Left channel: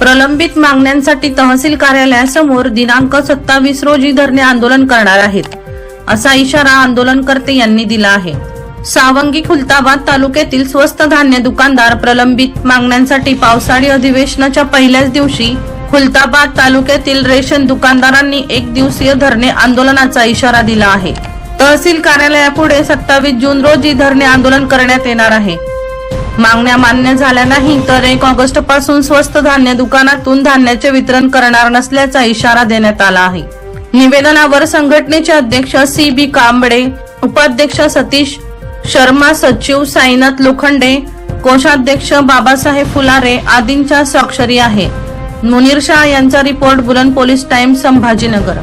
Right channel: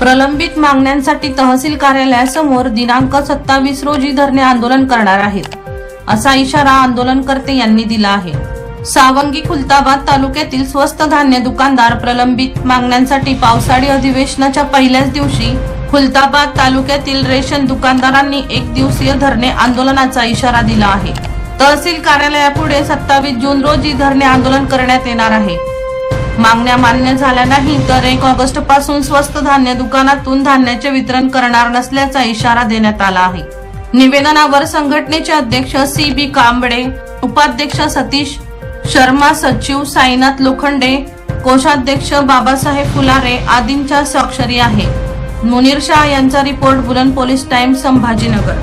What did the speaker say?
प्रलंबित मागण्यांसाठी तहसील कार्यालयासमोर दिनांक सत्तावीस रोजी धरणे आंदोलन करणार आहेत असा इशारा आंदोलनकर्ते यांनी दिला आहे. सावंगी खुलताबाद तालुक्यातील स्वस्त धान्य दुकानदार प्रलंबित मागण्यांसाठी पावसाळी अधिवेशनाच्या पहिल्याच दिवशी खुलताबाद तालुक्यातील रेशन दुकानदारांनी एक दिवसीय धरणे आंदोलनाचा इशारा दिला आहे. तहसील कार्यालयापुढे सत्तावीस जून रोजी धरणे आंदोलन करण्यात येणार आहे. मागण्या मान्य झाल्या नाही तर एक ऑगस्टपासून स्वस्त धान्य दुकानातून धान्याचे वितरण करणार नसल्याचा इशारा देण्यात आला आहे. निवेदनावर संघटनेचे अध्यक्ष सी बी कांबळे उपाध्यक्ष सतीश शर्मा सचिव साईनाथ लोखंडे कोषाध्यक्ष बाबासाहेब फुलारे आदींच्या स्वाक्षरी आहे मुनीर शाह यांचा रिपोर्ट बुलंद पोलीस टाइम्स संभाजीनगर.